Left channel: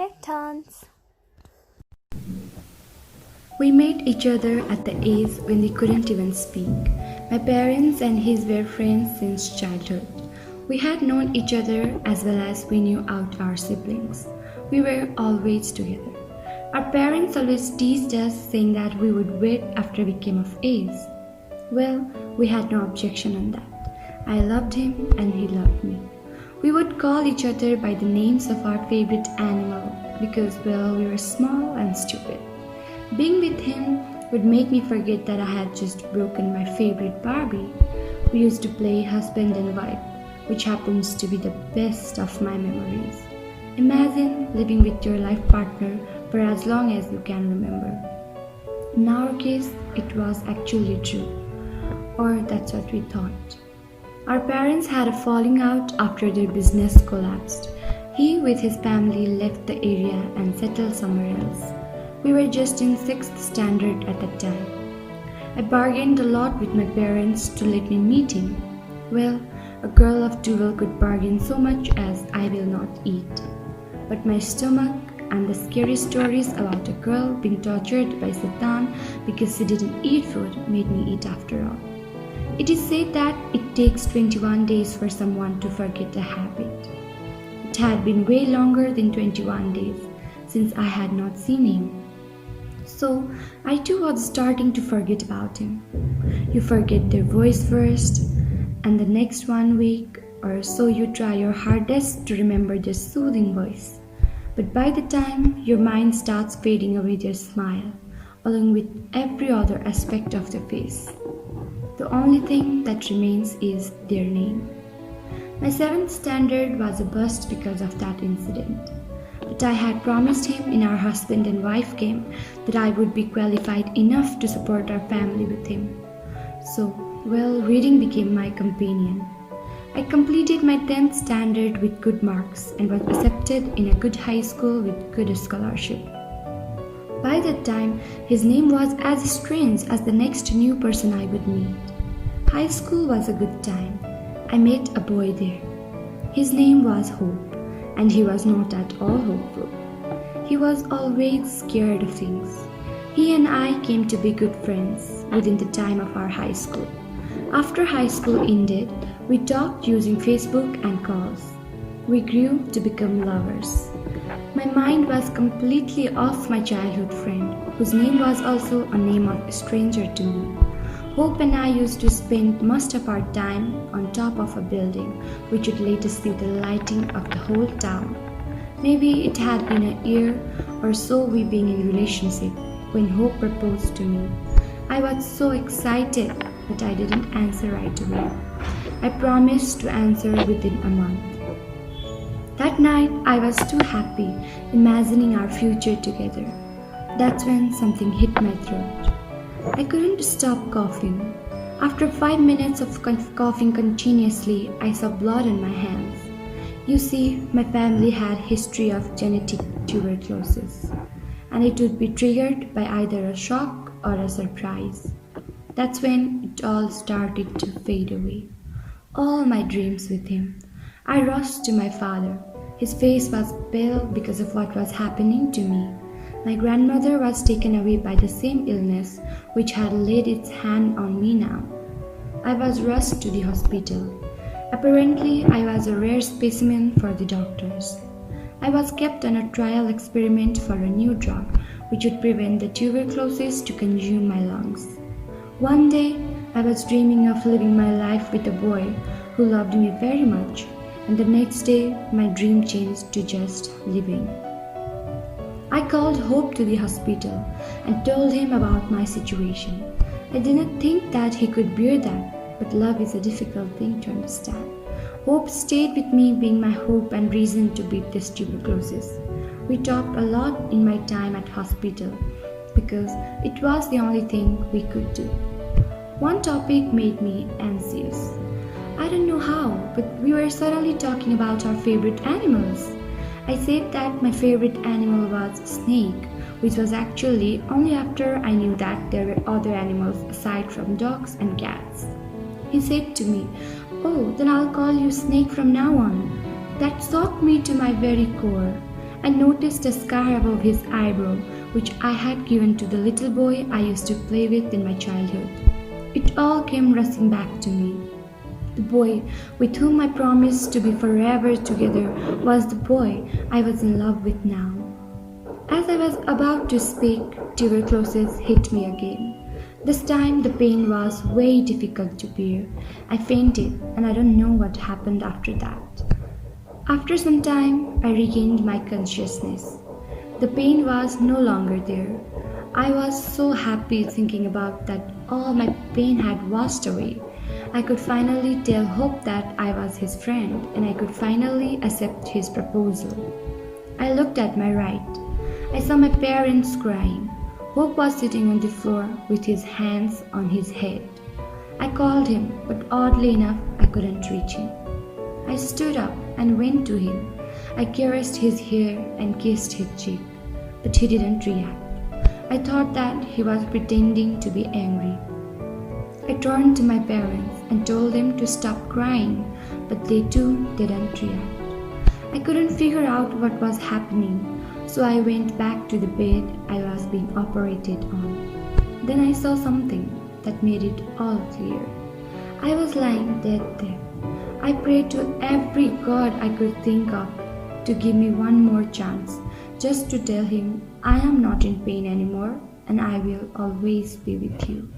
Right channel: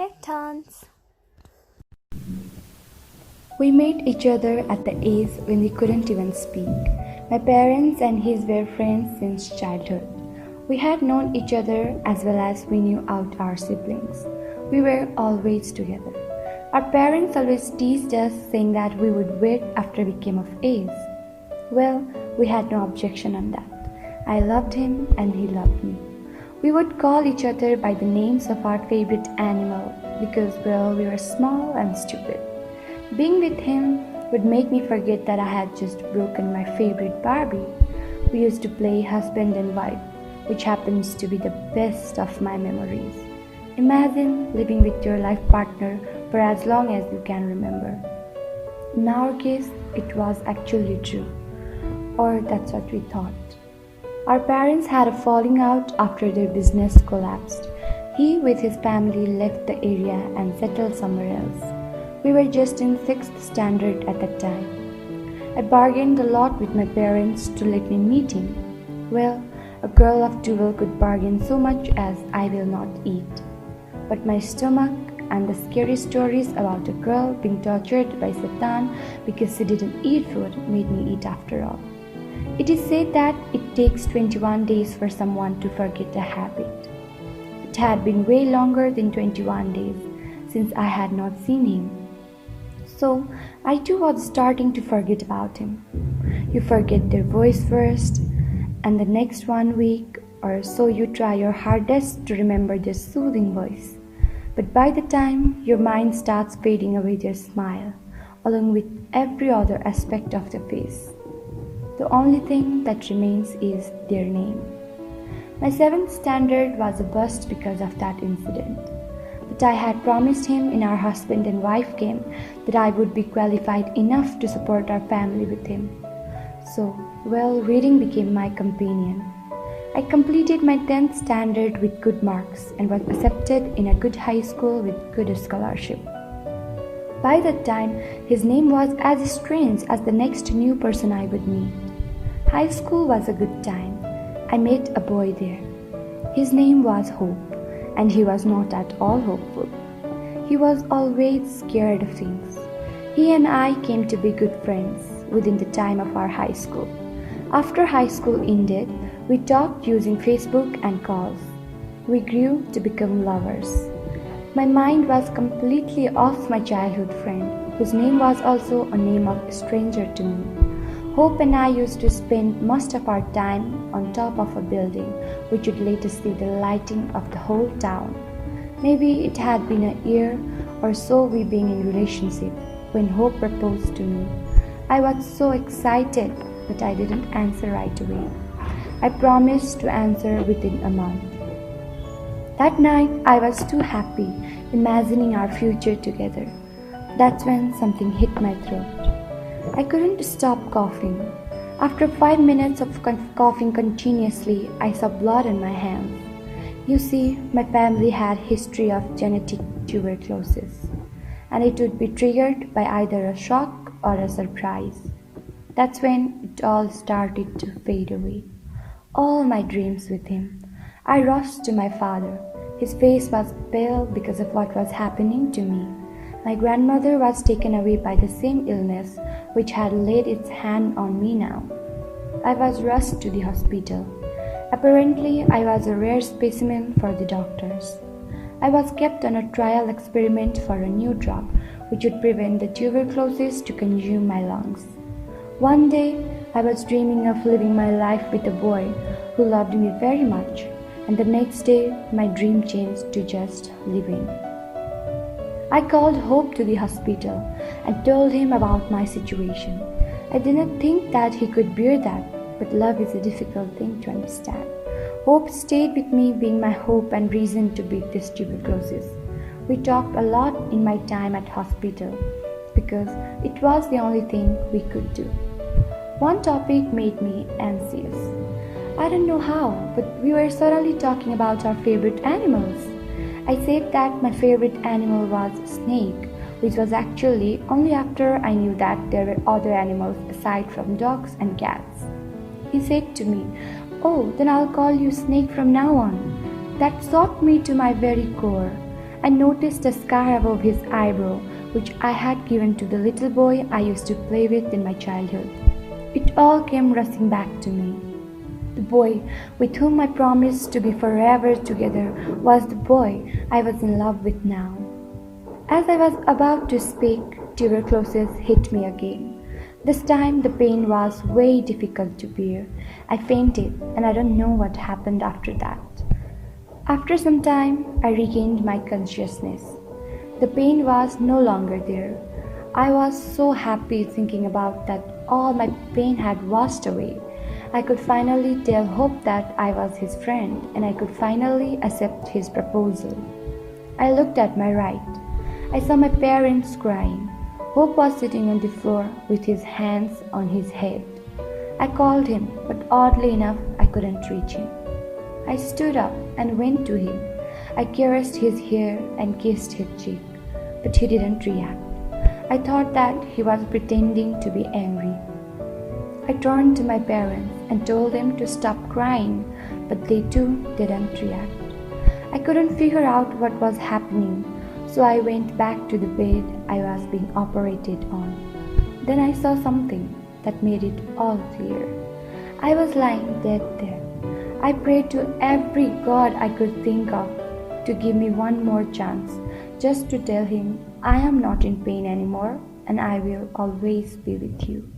Electrons. We met each other at the age when we couldn't even speak. My parents and his were friends since childhood. We had known each other as well as we knew out our siblings. We were always together. Our parents always teased us, saying that we would wait after we came of age. Well, we had no objection on that. I loved him and he loved me. We would call each other by the names of our favorite animal because, well, we were small and stupid. Being with him would make me forget that I had just broken my favorite Barbie. We used to play husband and wife, which happens to be the best of my memories. Imagine living with your life partner for as long as you can remember. In our case, it was actually true, or that's what we thought. Our parents had a falling out after their business collapsed. He, with his family, left the area and settled somewhere else. We were just in 6th standard at that time. I bargained a lot with my parents to let me meet him. Well, a girl of 12 could bargain so much as I will not eat. But my stomach and the scary stories about a girl being tortured by Satan because she didn't eat food made me eat after all. It is said that it takes 21 days for someone to forget a habit. It had been way longer than 21 days since I had not seen him. So I too was starting to forget about him. You forget their voice first, and the next 1 week or so you try your hardest to remember their soothing voice. But by the time your mind starts fading away their smile, along with every other aspect of their face, the only thing that remains is their name. My 7th standard was a bust because of that incident. But I had promised him in our husband and wife game that I would be qualified enough to support our family with him. So, well, reading became my companion. I completed my 10th standard with good marks and was accepted in a good high school with good scholarship. By that time, his name was as strange as the next new person I would meet. High school was a good time. I met a boy there. His name was Hope. And he was not at all hopeful. He was always scared of things. He and I came to be good friends within the time of our high school. After high school ended, we talked using Facebook and calls. We grew to become lovers. My mind was completely off my childhood friend, whose name was also a name of a stranger to me. Hope and I used to spend most of our time on top of a building, which would later see the lighting of the whole town. Maybe it had been a year or so we being in relationship when Hope proposed to me. I was so excited, but I didn't answer right away. I promised to answer within a month. That night, I was too happy, imagining our future together. That's when something hit my throat. I couldn't stop coughing. After 5 minutes of coughing continuously, I saw blood in my hands. You see, my family had history of genetic tuberculosis, and it would be triggered by either a shock or a surprise. That's when it all started to fade away. All my dreams with him. I rushed to my father. His face was pale because of what was happening to me. My grandmother was taken away by the same illness which had laid its hand on me now. I was rushed to the hospital. Apparently, I was a rare specimen for the doctors. I was kept on a trial experiment for a new drug which would prevent the tuberculosis to consume my lungs. One day, I was dreaming of living my life with a boy who loved me very much, and the next day, my dream changed to just living. I called Hope to the hospital and told him about my situation. I didn't think that he could bear that, but love is a difficult thing to understand. Hope stayed with me, being my hope and reason to beat this tuberculosis. We talked a lot in my time at hospital because it was the only thing we could do. One topic made me anxious. I don't know how, but we were suddenly talking about our favorite animals. I said that my favorite animal was snake, which was actually only after I knew that there were other animals aside from dogs and cats. He said to me, "Oh, then I'll call you Snake from now on." That shocked me to my very core. I noticed a scar above his eyebrow, which I had given to the little boy I used to play with in my childhood. It all came rushing back to me. The boy with whom I promised to be forever together was the boy I was in love with now. As I was about to speak, tuberculosis hit me again. This time the pain was way difficult to bear. I fainted and I don't know what happened after that. After some time, I regained my consciousness. The pain was no longer there. I was so happy thinking about that all my pain had washed away. I could finally tell Hope that I was his friend and I could finally accept his proposal. I looked at my right. I saw my parents crying. Hope was sitting on the floor with his hands on his head. I called him, but oddly enough, I couldn't reach him. I stood up and went to him. I caressed his hair and kissed his cheek, but he didn't react. I thought that he was pretending to be angry. I turned to my parents and told them to stop crying, but they too didn't react. I couldn't figure out what was happening, so I went back to the bed I was being operated on. Then I saw something that made it all clear. I was lying dead there. I prayed to every god I could think of to give me one more chance, just to tell him I am not in pain anymore and I will always be with you.